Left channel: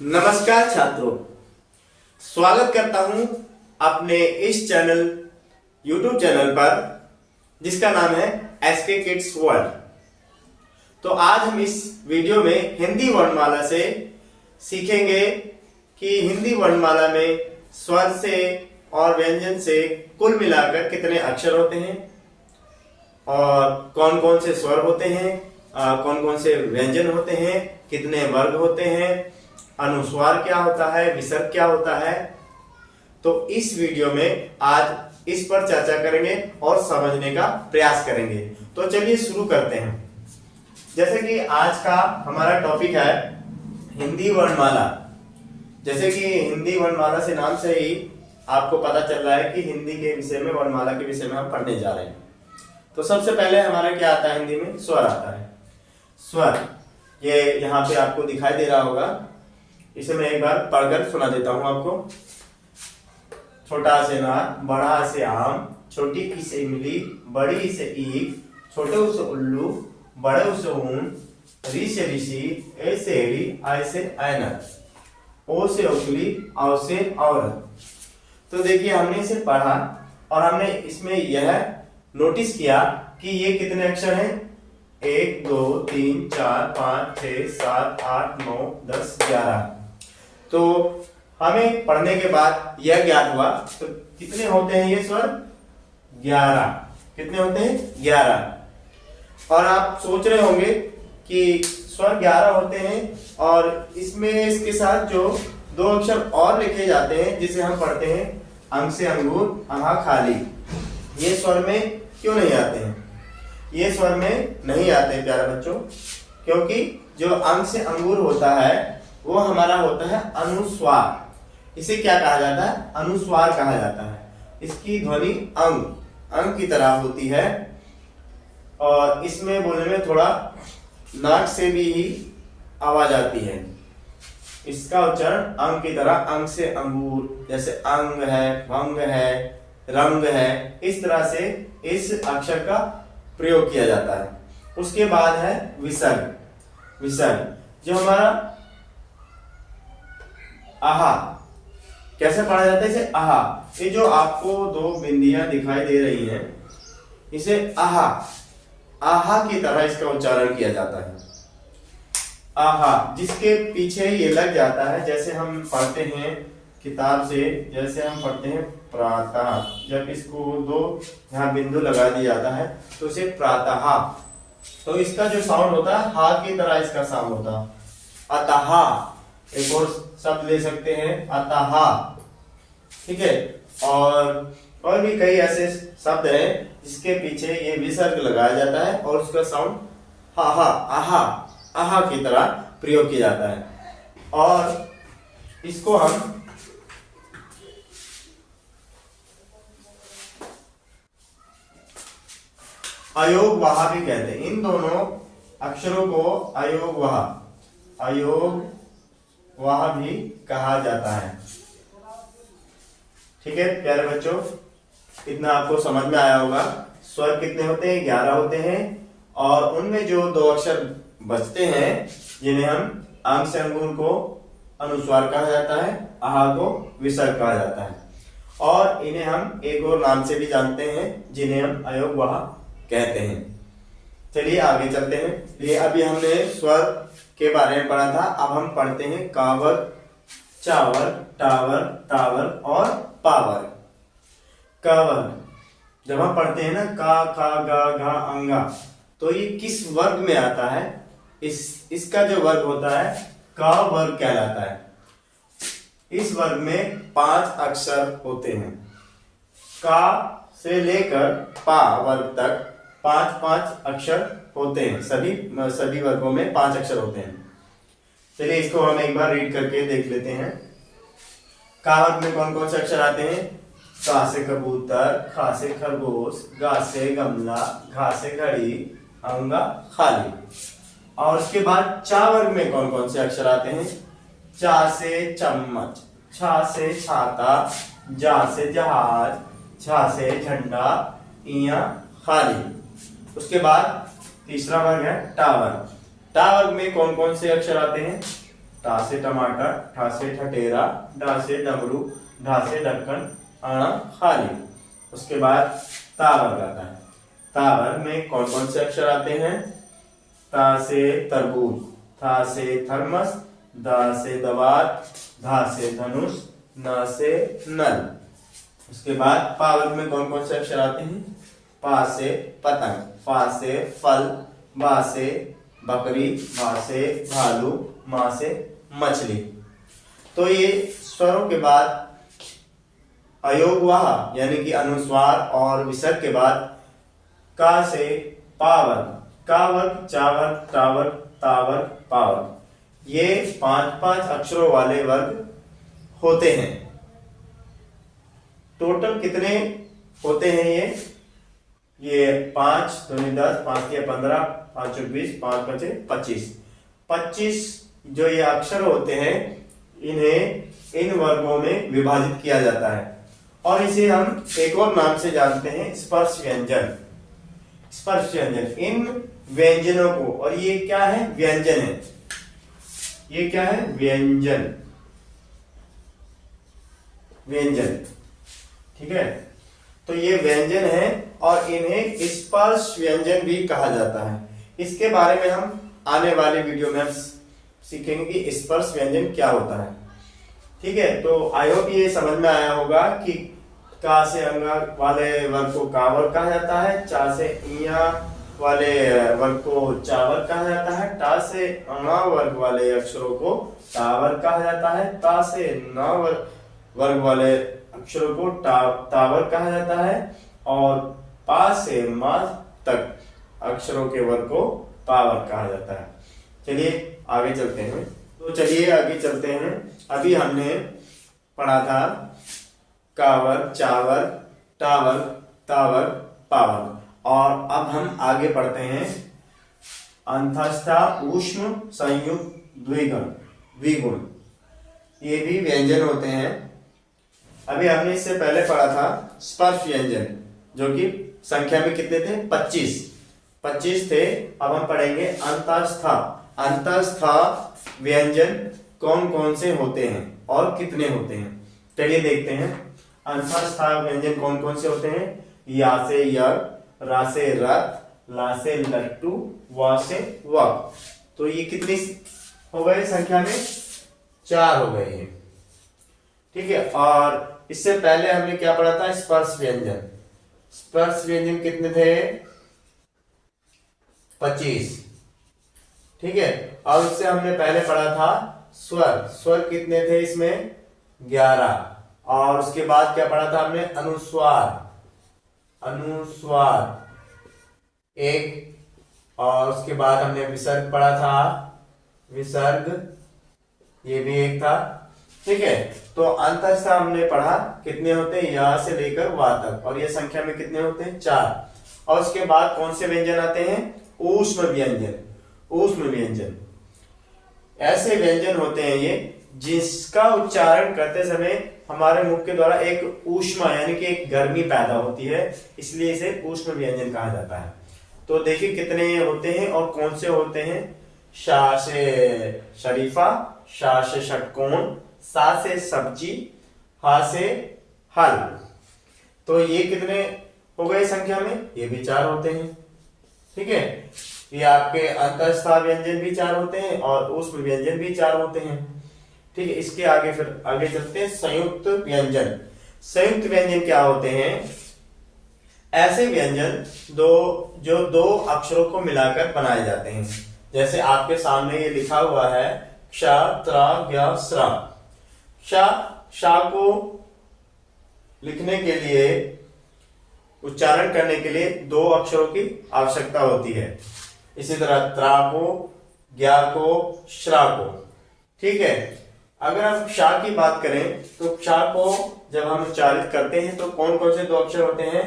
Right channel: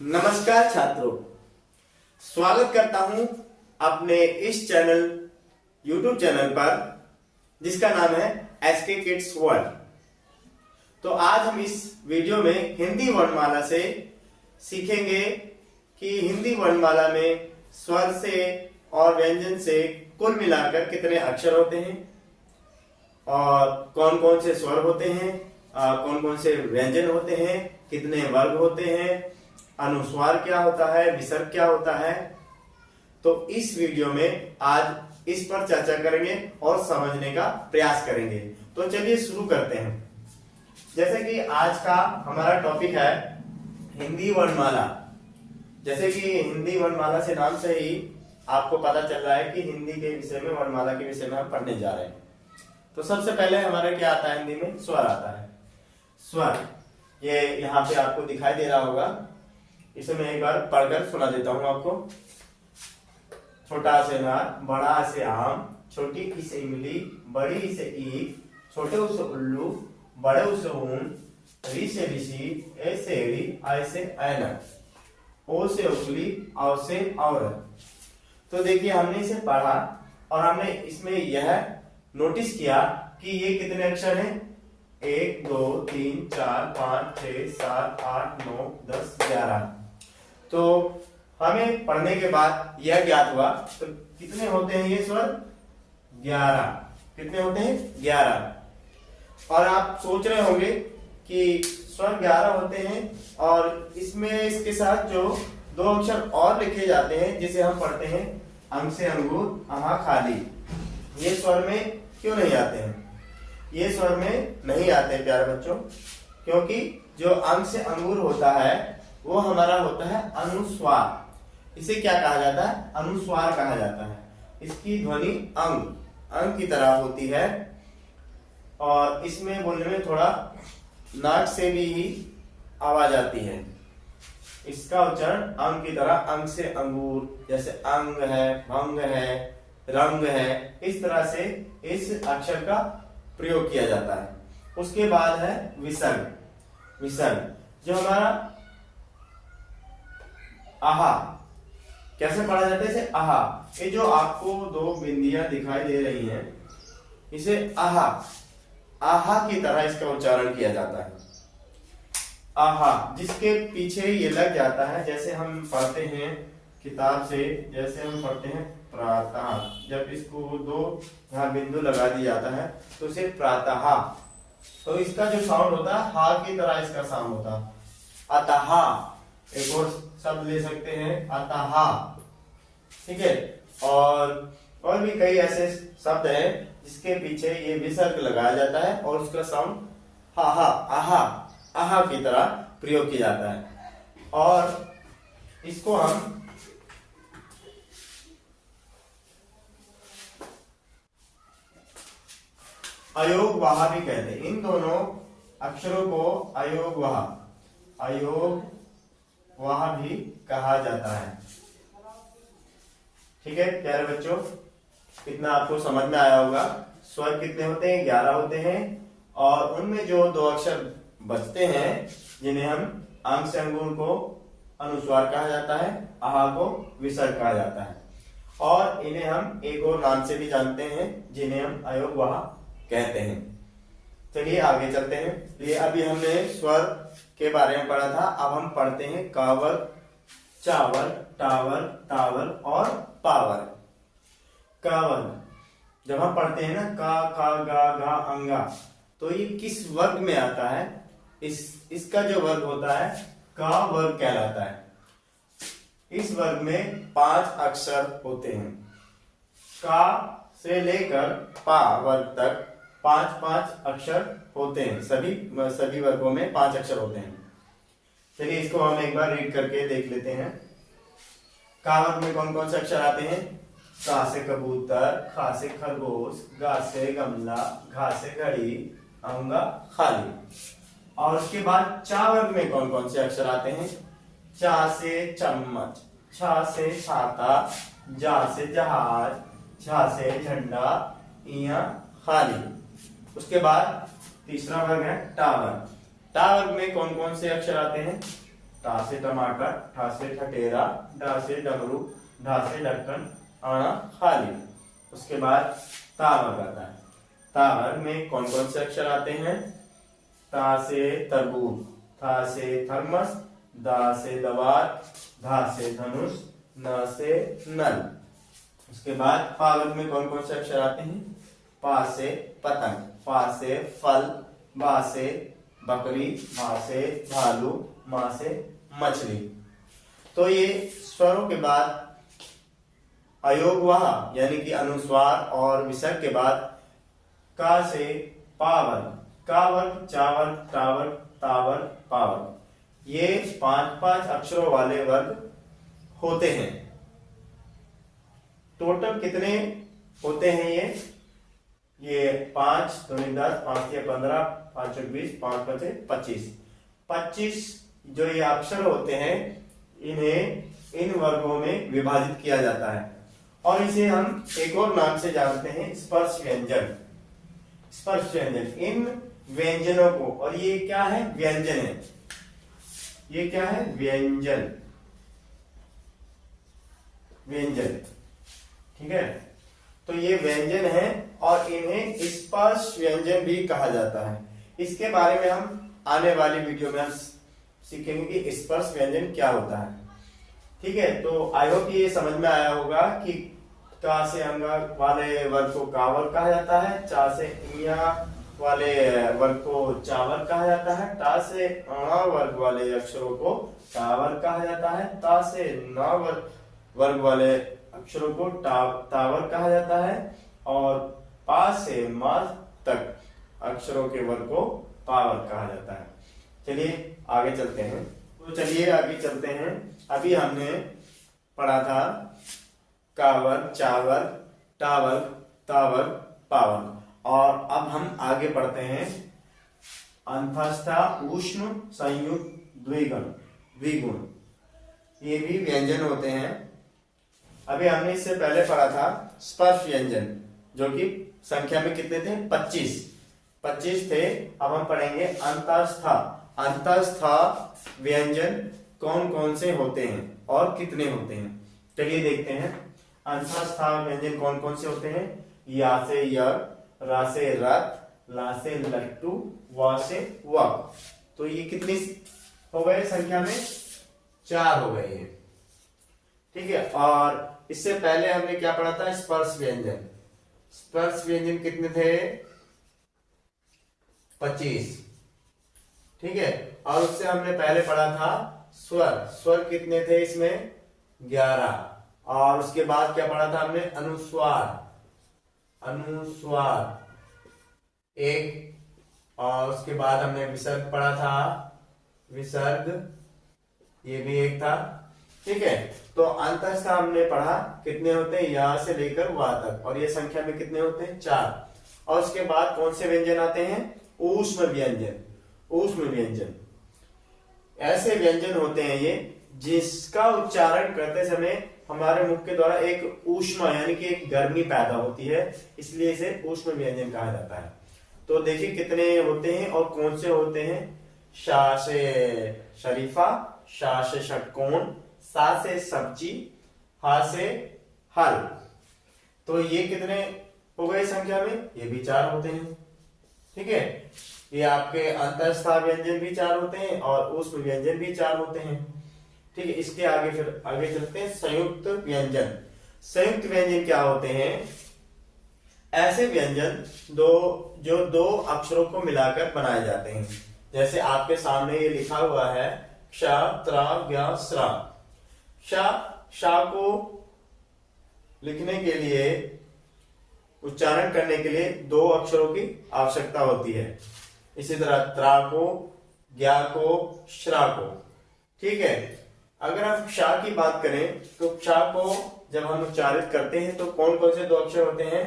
नमस्कार छात्रों, स्वागत करता हूं अपने इस चैनल YouTube चैनल पर जिसका नाम है SK Kids World। तो आज हम इस वीडियो में हिंदी वर्णमाला से सीखेंगे कि हिंदी वर्णमाला में स्वर से और व्यंजन से कुल मिलाकर कितने अक्षर होते हैं और कौन कौन से स्वर होते हैं, कौन कौन से व्यंजन होते हैं, कितने वर्ग होते हैं, अनुस्वार क्या होता है, विसर्ग क्या होता है। तो इस वीडियो में आज इस पर चर्चा करेंगे और समझने का प्रयास करेंगे। तो चलिए शुरू करते हैं। जैसे कि आज का हमारा टॉपिक है हिंदी वर्णमाला। जैसे कि हिंदी वर्णमाला से नाम से ही आपको पता चल रहा है कि हिंदी के विषय में, वर्णमाला के विषय में हम पढ़ने जा रहे हैं। तो सबसे पहले हमारा क्या आता है, हिंदी में स्वर आता है। स्वर ये यहाँ पे आपको दिखाई दे रहा होगा, इसे मैं एक बार पढ़कर सुना देता हूं आपको। छोटा से नार, बड़ा से आम, छोटी ई से इमली, बड़ी ई से ईख, छोटे ऊ से उल्लू, बड़े ऊ से ऊन, री से ऋषि, ए से एड़ी, आई से ऐनक, ओ से ओखली, औ से औरत। तो देखिए हमने इसे पढ़ा और हमने इसमें यह नोटिस किया कि ये कितने अक्षर हैं। 1 2 3 4 5 6 7 8 9 10 11। तो हमें पढ़ने के बाद यह ज्ञात हुआ तो कितने होते हैं ये स्वर, 11। कितने होते हैं, 11। और आप सोच रहे होंगे कि स्वर 11 होते हैं और इसमें इसके साथ जो दो अक्षर और लिखे जाते हैं जिसे हम पढ़ते हैं अंग से अंगूर, अहा खाली, ये स्वर में क्यों नहीं आते हैं? ये स्वर में नहीं आते प्यारे बच्चों, क्योंकि जो अंग से अंगूर होता है वो हमारा होता है अनुस्वार। इसे क्या कहा जाता है, अनुस्वार कहा जाता है। इसकी ध्वनि अंग की तरह होती है और इसमें बोलने में थोड़ा नाक से भी ही आवाज आती है। इसका उच्चारण अंग की तरह, अंग से अंगूर, जैसे अंग है, भंग है, रंग है, इस तरह से इस अक्षर का प्रयोग किया जाता है। उसके बाद है विसर्ग। विसर्ग जो हमारा आहा, कैसे पढ़ा जाता है इसे, आहा। ये जो आपको दो बिंदियां दिखाई दे रही हैं, इसे आहा, आहा की तरह इसका उच्चारण किया जाता है। आहा, जिसके पीछे ये लग जाता है, जैसे हम पढ़ते हैं किताब से, जैसे हम पढ़ते हैं प्रातः, जब इसको दो यहाँ बिंदु लगा दिया जाता है तो इसे प्रातः, तो इसका जो साउंड होता है हा की तरह इसका साउंड होता है। अतः, एक और शब्द ले सकते हैं अतः, ठीक है। और भी कई ऐसे शब्द हैं जिसके पीछे ये विसर्ग लगाया जाता है और उसका साउंड हा हा, आहा, आहा की तरह प्रयोग किया जाता है। और इसको हम अयोग वहा भी कहते हैं। इन दोनों अक्षरों को अयोग वहा भी कहा जाता है। ठीक है प्यारे बच्चों, इतना आपको समझ में आया होगा। स्वर कितने होते हैं, 11 होते हैं और उनमें जो दो अक्षर बचते हैं जिन्हें हम अंग से अंगूर को अनुस्वार कहा जाता है, आहा को विसर्ग कहा जाता है, और इन्हें हम एक और नाम से भी जानते हैं जिन्हें हम अयोग वहा कहते हैं। चलिए आगे चलते हैं। ये अभी हमने स्वर के बारे में पढ़ा था, अब हम पढ़ते हैं कावर, चावर, टावर, तावर और पावर। कावर जब हम पढ़ते हैं ना, का, खा, गा, घा, अंगा, तो ये किस वर्ग में आता है? इसका जो वर्ग होता है का वर्ग कहलाता है। इस वर्ग में 5 अक्षर होते हैं। का से लेकर पा वर्ग तक 5 अक्षर होते हैं। सभी वर्गों में 5 अक्षर होते हैं। चलिए इसको हम एक बार रीड करके देख लेते हैं। का वर्ग में कौन कौन से अक्षर आते हैं? का से कबूतर, खा से खरगोश, गा से गमला, घा से घड़ी, अंगा खाली। और उसके बाद चा वर्ग में कौन कौन से अक्षर आते हैं? चा से चम्मच, छा से छाता, जा से जहाज, झा से झंडा, इया खाली। उसके बाद तीसरा वर्ग है टावर। टावर में कौन कौन से अक्षर आते हैं? टा से टमाटर, ठा से ठठेरा, डा से डमरू, ढा से ढक्कन, आना खाली। उसके बाद ता वर्ग आता है। ता वर्ग में कौन कौन से अक्षर आते हैं? ता से तरबूज, था से थर्मस, दा से दवात, धा से धनुष, न से नल। उसके बाद पा वर्ग में कौन कौन से अक्षर आते हैं? पा से पतंग, फा से फल, बा से बकरी, भा से भालू, मा से मछली। तो ये स्वरों के बाद अयोगवाह यानी कि अनुस्वार और विसर्ग के बाद का से पावर्ग, का वर्ग, चा वर्ग, टा वर्ग, ता वर्ग, पा वर्ग, ये 5-5 अक्षरों वाले वर्ग होते हैं। टोटल कितने होते हैं ये 5 दूनी 10, 5 या 15, 5 20, 5 5 25। 25 जो ये अक्षर होते हैं इन्हें इन वर्गों में विभाजित किया जाता है और इसे हम एक और नाम से जानते हैं स्पर्श व्यंजन। स्पर्श व्यंजन, इन व्यंजनों को, और ये क्या है? व्यंजन है। ये क्या है? व्यंजन। व्यंजन, ठीक है। तो ये व्यंजन है और इन्हें स्पर्श व्यंजन भी कहा जाता है। इसके बारे में हम आने वाले वीडियो में सीखेंगे कि स्पर्श व्यंजन क्या होता है। ठीक है, तो आई होप ये समझ में आया होगा कि का से अंगा वाले वर्ग को का वर्ग कहा जाता है, चा से इया वाले वर्ग को चा वर्ग कहा जाता है, टा से अणा वर्ग वाले अक्षरों को टा वर्ग कहा जाता है, ता से ना वर्ग वाले अक्षरों को ता वर्ग कहा जाता है और पा से मा तक अक्षरों के वर्ग को पा वर्ग कहा जाता है। चलिए आगे चलते हैं। तो चलिए आगे चलते हैं। अभी हमने पढ़ा था का वर्ग, चा वर्ग, टा वर्ग, ता वर्ग, पा वर्ग, और अब हम आगे पढ़ते हैं अंतस्था ऊष्म संयुक्त द्विगुण। द्विगुण ये भी व्यंजन होते हैं। अभी हमने इससे पहले पढ़ा था स्पर्श व्यंजन जो कि संख्या में कितने थे? 25 थे। अब हम पढ़ेंगे अंतस्था। अंतस्था व्यंजन कौन कौन से होते हैं और कितने होते हैं? चलिए देखते हैं अंतस्था व्यंजन कौन कौन से होते हैं। या से यज्ञ, रा से रथ, ला से लट्टू, वा से वक। तो ये कितनी हो गए संख्या में? 4 हो गए हैं। ठीक है, और इससे पहले हमने क्या पढ़ा था? स्पर्श व्यंजन। स्पर्श व्यंजन कितने थे? 25। ठीक है, और उससे हमने पहले पढ़ा था स्वर। स्वर कितने थे इसमें? 11। और उसके बाद क्या पढ़ा था हमने? अनुस्वार। अनुस्वार 1, और उसके बाद हमने विसर्ग पढ़ा था। विसर्ग ये भी 1 था। ठीक है, तो अंतस्था हमने पढ़ा कितने होते हैं? यहां से लेकर वा तक, और ये संख्या में कितने होते हैं? 4। और उसके बाद कौन से व्यंजन आते हैं? ऊष्म व्यंजन। ऊष्म व्यंजन ऐसे व्यंजन होते हैं ये जिसका उच्चारण करते समय हमारे मुख के द्वारा एक ऊष्मा यानी कि एक गर्मी पैदा होती है, इसलिए इसे ऊष्म व्यंजन कहा जाता है। तो देखिए कितने होते हैं और कौन से होते हैं। शा से शरीफा, शा से षटकोण, सा से सब्जी, हा से हल। तो ये कितने हो गए संख्या में? ये भी 4 होते हैं। ठीक है, ये आपके अंतस्था व्यंजन भी 4 होते हैं और ऊष्म व्यंजन भी 4 होते हैं। ठीक है, इसके आगे फिर आगे चलते हैं संयुक्त व्यंजन। संयुक्त व्यंजन क्या होते हैं? ऐसे व्यंजन जो 2 अक्षरों को मिलाकर बनाए जाते हैं। जैसे आपके सामने ये लिखा हुआ है क्ष, त्र, ज्ञ, स्र। शा को लिखने के लिए, उच्चारण करने के लिए 2 अक्षरों की आवश्यकता होती है। इसी तरह त्रा को, ज्ञा को, श्रा को। ठीक है, अगर हम क्षा की बात करें तो क्षा को जब हम उच्चारित करते हैं तो कौन कौन से 2 अक्षर होते हैं?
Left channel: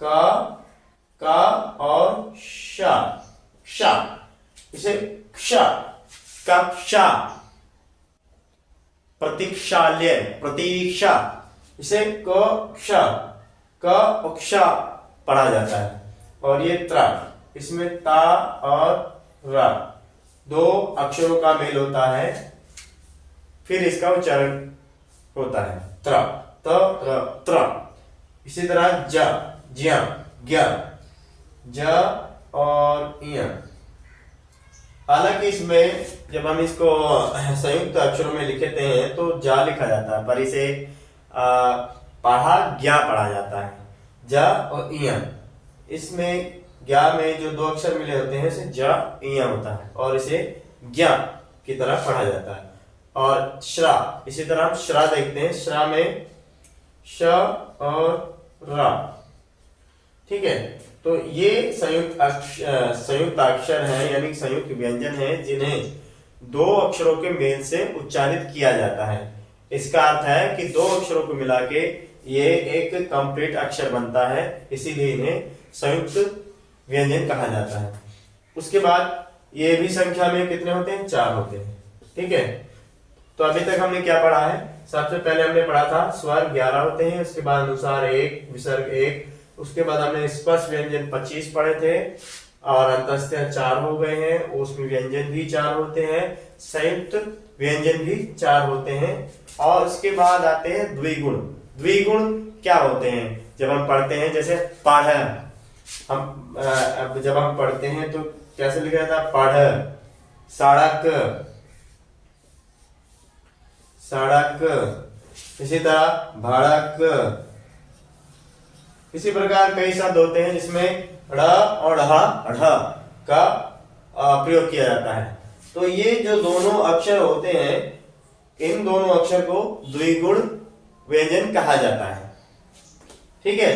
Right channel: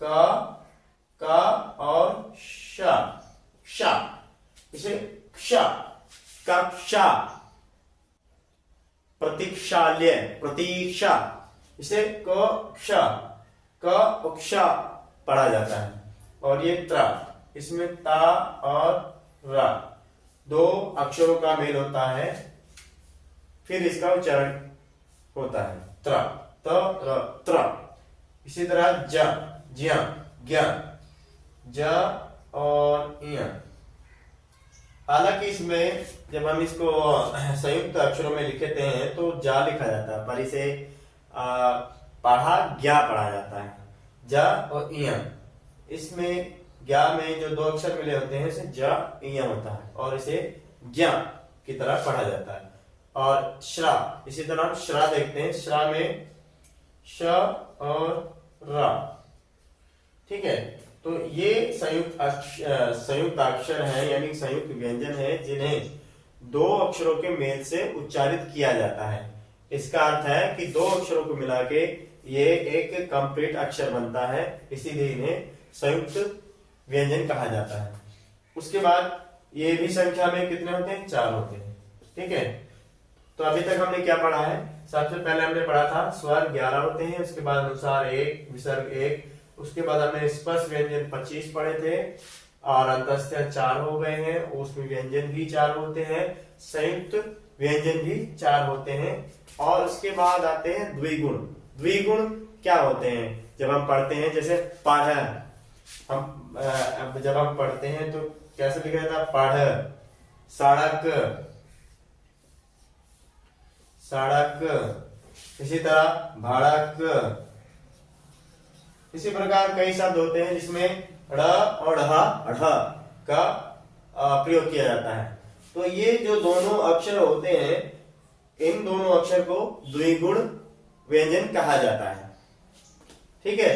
का और शा। क्षा, इसे क्षा, कक्षा, प्रतीक्षालय, प्रतीक्षा, इसे कक्षा, कक्षा पढ़ा जाता है। और ये त्रा, इसमें ता और रा 2 अक्षरों का मेल होता है फिर इसका उच्चारण होता है त्र, त, र, त्र। इसी तरह ज, ज्या, ज्ञ, ज और य। हालांकि इसमें जब हम इसको संयुक्त अक्षरों में लिखते हैं तो जा लिखा जाता है, पर इसे पढ़ा ज्ञा पढ़ा जाता है, ज और य। इसमें ज्ञा में जो दो अक्षर मिले होते हैं इसे ज य होता है और इसे ज्ञा की तरह पढ़ा जाता है। और श्रा, इसी तरह हम श्रा देखते हैं, श्रा में श और रा। ठीक है, तो ये संयुक्त अक्षर है, यानी संयुक्त व्यंजन है जिन्हें दो अक्षरों के मेल से उच्चारित किया जाता है। इसका अर्थ है कि दो अक्षरों को मिला के ये एक कंप्लीट अक्षर बनता है, इसीलिए इन्हें संयुक्त व्यंजन कहा जाता है। उसके बाद ये भी संख्या में कितने होते हैं? 4 होते हैं। ठीक है, तो अभी तक हमने क्या पढ़ा है? सबसे पहले हमने पढ़ा था स्वर 11 होते हैं, उसके बाद अनुस्वार 1, विसर्ग 1, उसके बाद हमने स्पर्श व्यंजन 25 पढ़े थे और अंतःस्थ 4 हो गए हैं, ऊष्म व्यंजन भी 4 होते हैं, संयुक्त व्यंजन भी 4 होते हैं। और उसके बाद आते हैं द्विगुण। द्विगुण क्या होते हैं? जब हम पढ़ते हैं, जैसे पढ़, हम अब जब हम पढ़ते हैं तो कैसे लिखा जाता है? पढ़, सड़क, सड़क, इसी तरह भड़क। इसी प्रकार कई शब्द होते हैं जिसमें ड़ और ढ का प्रयोग किया जाता है। तो ये जो दोनों अक्षर होते हैं, इन दोनों अक्षर को द्विगुण व्यंजन कहा जाता है। ठीक है,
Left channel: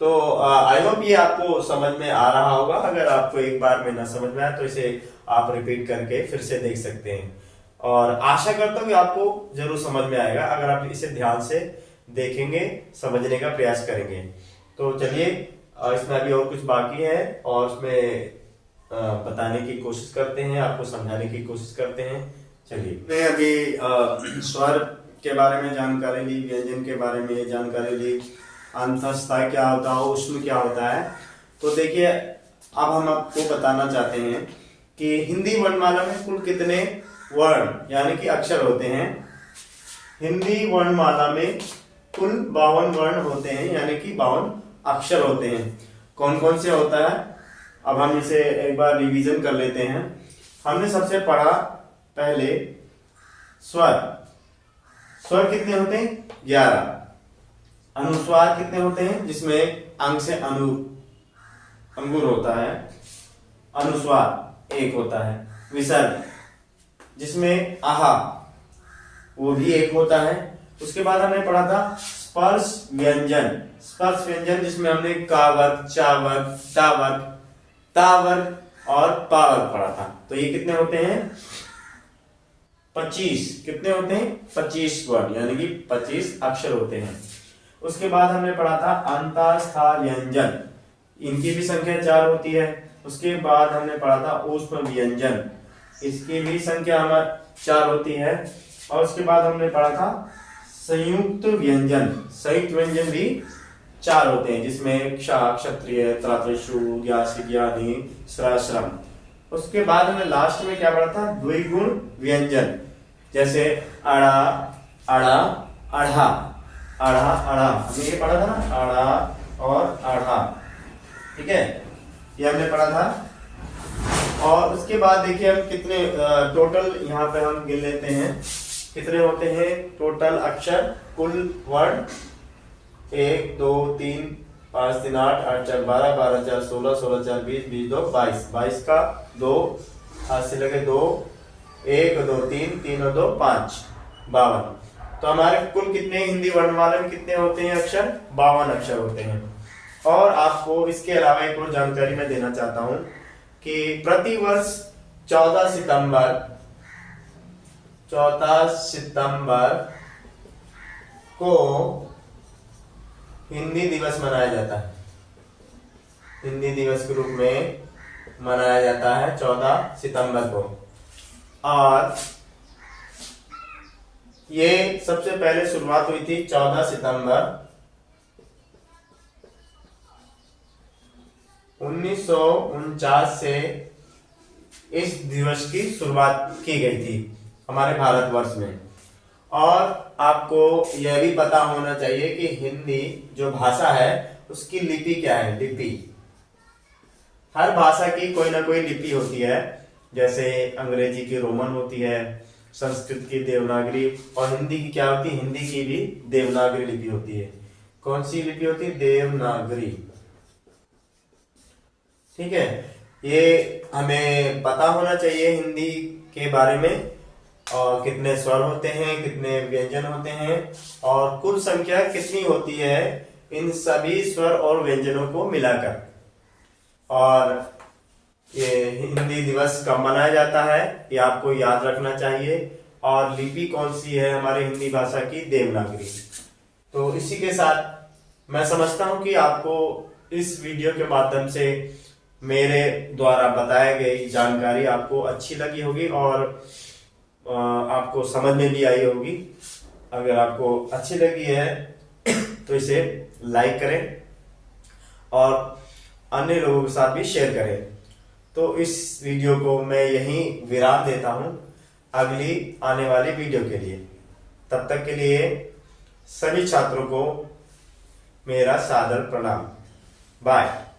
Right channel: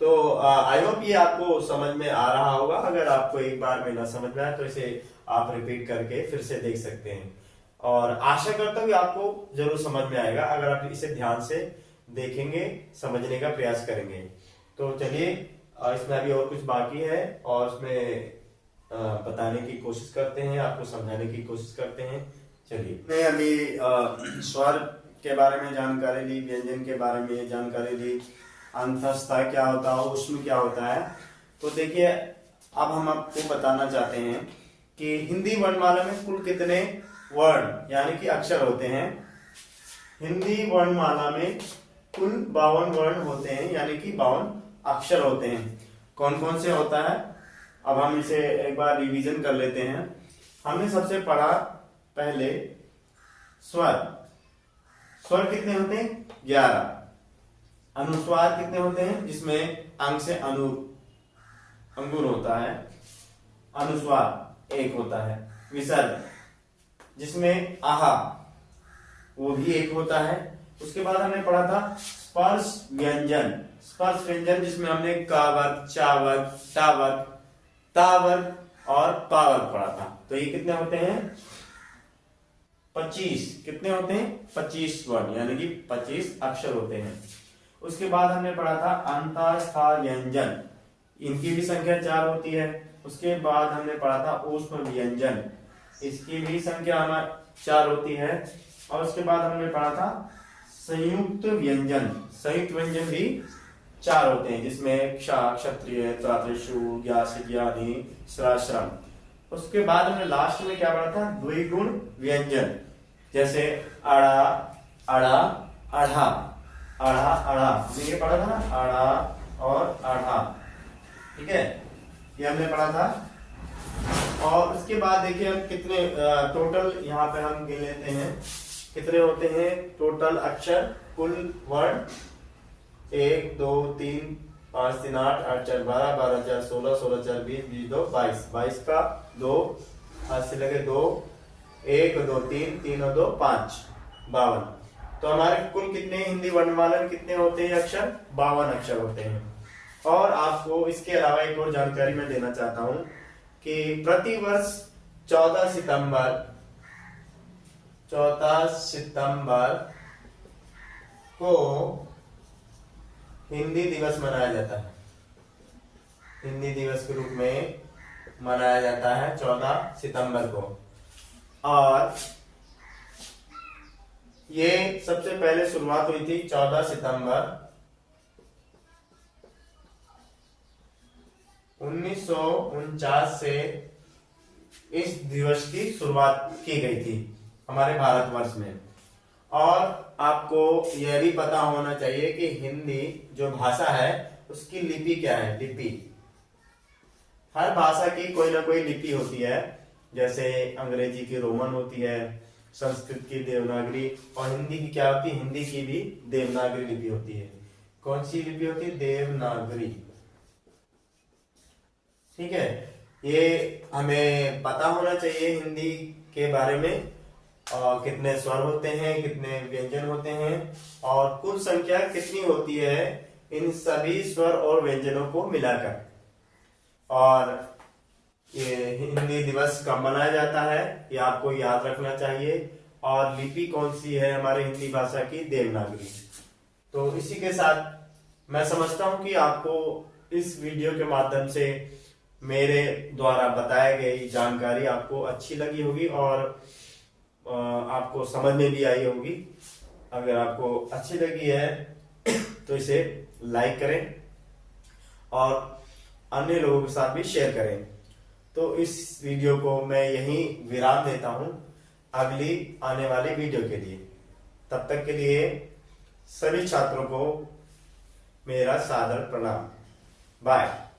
तो आई होप ये आपको समझ में आ रहा होगा। अगर आपको एक बार में ना समझ में आए तो इसे आप रिपीट करके फिर से देख सकते हैं, और आशा करता हूँ कि आपको जरूर समझ में आएगा अगर आप इसे ध्यान से देखेंगे, समझने का प्रयास करेंगे। तो चलिए, इसमें अभी और कुछ बाकी है और उसमें बताने की कोशिश करते हैं, आपको समझाने की कोशिश करते हैं। चलिए, मैं अभी स्वर के बारे में जानकारी ली, व्यंजन के बारे में जानकारी ली, अंतःस्थ क्या होता है, ऊष्म क्या होता है। तो देखिए, अब हम आपको बताना चाहते हैं कि हिंदी वर्णमाला में कुल कितने वर्ण यानी कि अक्षर होते हैं। हिंदी वर्णमाला में कुल 52 वर्ण होते हैं, यानी कि 52 अक्षर होते हैं। कौन कौन से होता है, अब हम इसे एक बार रिवीजन कर लेते हैं। हमने सबसे पढ़ा पहले स्वर। स्वर कितने होते हैं? 11। अनुस्वार कितने होते हैं? जिसमें अंग से अंगूर होता है, अनुस्वार 1 होता है। विसर्ग जिसमें आहा, वो भी 1 होता है। उसके बाद हमने पढ़ा था स्पर्श व्यंजन। स्पर्श व्यंजन जिसमें हमने का वर्ग, चा वर्ग, टा वर्ग, ता वर्ग और पा वर्ग पढ़ा था। तो ये कितने होते हैं? 25। कितने होते हैं? 25 वर्ण, यानी कि 25 अक्षर होते हैं। उसके बाद हमने पढ़ा था अंतःस्थ व्यंजन, इनकी भी संख्या 4 होती है। उसके बाद हमने पढ़ा था ऊष्म व्यंजन, इसकी भी संख्या हमारी 4 होती है। और उसके बाद हमने पढ़ा था संयुक्त व्यंजन। संयुक्त व्यंजन भी 4 होते हैं, जिसमें क्ष, क्षत्रिय, त्रातृषु, ज्ञासी, ज्ञानी, श्रा, श्रम। उसके बाद हमने लास्ट में क्या पढ़ा था? द्विगुण व्यंजन, जैसे अड़ा, अड़ा, अढ़ा, अढ़ा, अढ़ा, हमने ये पढ़ा था ना, अड़ा और अढ़ा। ठीक है, ये हमने पढ़ा था। और उसके बाद देखिए हम कितने टोटल यहाँ पे हम गिन लेते हैं, कितने होते हैं टोटल अक्षर, कुल वर्ण 1 2 3 5 3 8 8 4 12 12 4 16 16 4 20 20 2 22 22 का 2 8 से लगे 2 1 2 3 3 और 2 5 52। तो हमारे कुल कितने हिंदी वर्णमाला में कितने होते हैं अक्षर? 52 अक्षर होते हैं। और आपको इसके अलावा एक और जानकारी मैं देना चाहता हूं कि प्रतिवर्ष 14 सितंबर को हिंदी दिवस मनाया जाता है। हिंदी दिवस के रूप में मनाया जाता है 14 सितंबर को। और ये सबसे पहले शुरुआत हुई थी 14 सितंबर 1949 से इस दिवस की शुरुआत की गई थी हमारे भारतवर्ष में। और आपको यह भी पता होना चाहिए कि हिंदी जो भाषा है उसकी लिपि क्या है। लिपि, हर भाषा की कोई ना कोई लिपि होती है। जैसे अंग्रेजी की रोमन होती है, संस्कृत की देवनागरी, और हिंदी की क्या होती है, हिंदी की भी देवनागरी लिपि होती है। कौन सी लिपि होती है, देवनागरी। ठीक है, ये हमें पता होना चाहिए हिंदी के बारे में, और कितने स्वर होते हैं, कितने व्यंजन होते हैं, और कुल संख्या कितनी होती है इन सभी स्वर और व्यंजनों को मिलाकर। और ये हिंदी दिवस कब मनाया जाता है ये आपको याद रखना चाहिए। और लिपि कौन सी है हमारे हिंदी भाषा की, देवनागरी। तो इसी के साथ मैं समझता हूं कि आपको इस वीडियो के माध्यम से मेरे द्वारा बताई गई जानकारी आपको अच्छी लगी होगी और आपको समझ में भी आई होगी। अगर आपको अच्छी लगी है तो इसे लाइक करें और अन्य लोगों के साथ भी शेयर करें। तो इस वीडियो को मैं यहीं विराम देता हूं अगली आने वाली वीडियो के लिए। तब तक के लिए सभी छात्रों को मेरा सादर प्रणाम। बाय।